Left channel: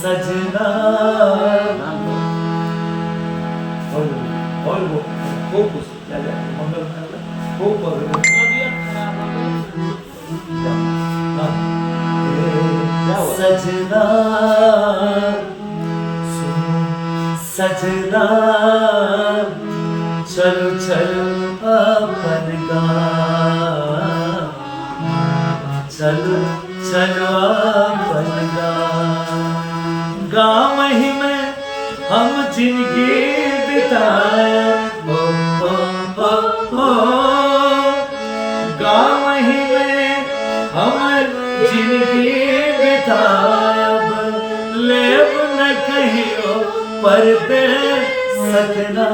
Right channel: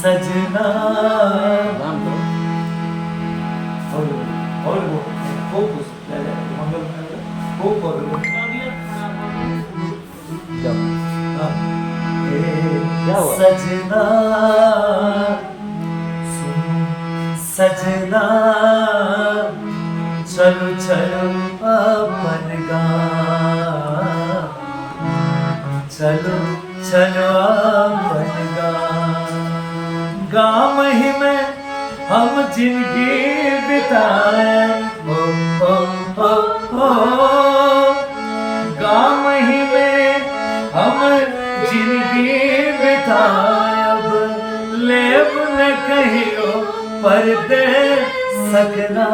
सजना और वो फोकस ले मंगल खूब सजना सजना चलो चलो अपन गाँव चलो चलो अपन गाँव ही में हम जिंदगी बिताए हो गाँव ही में हम जिंदगी बिताब लेब न कहियो पर दे सकना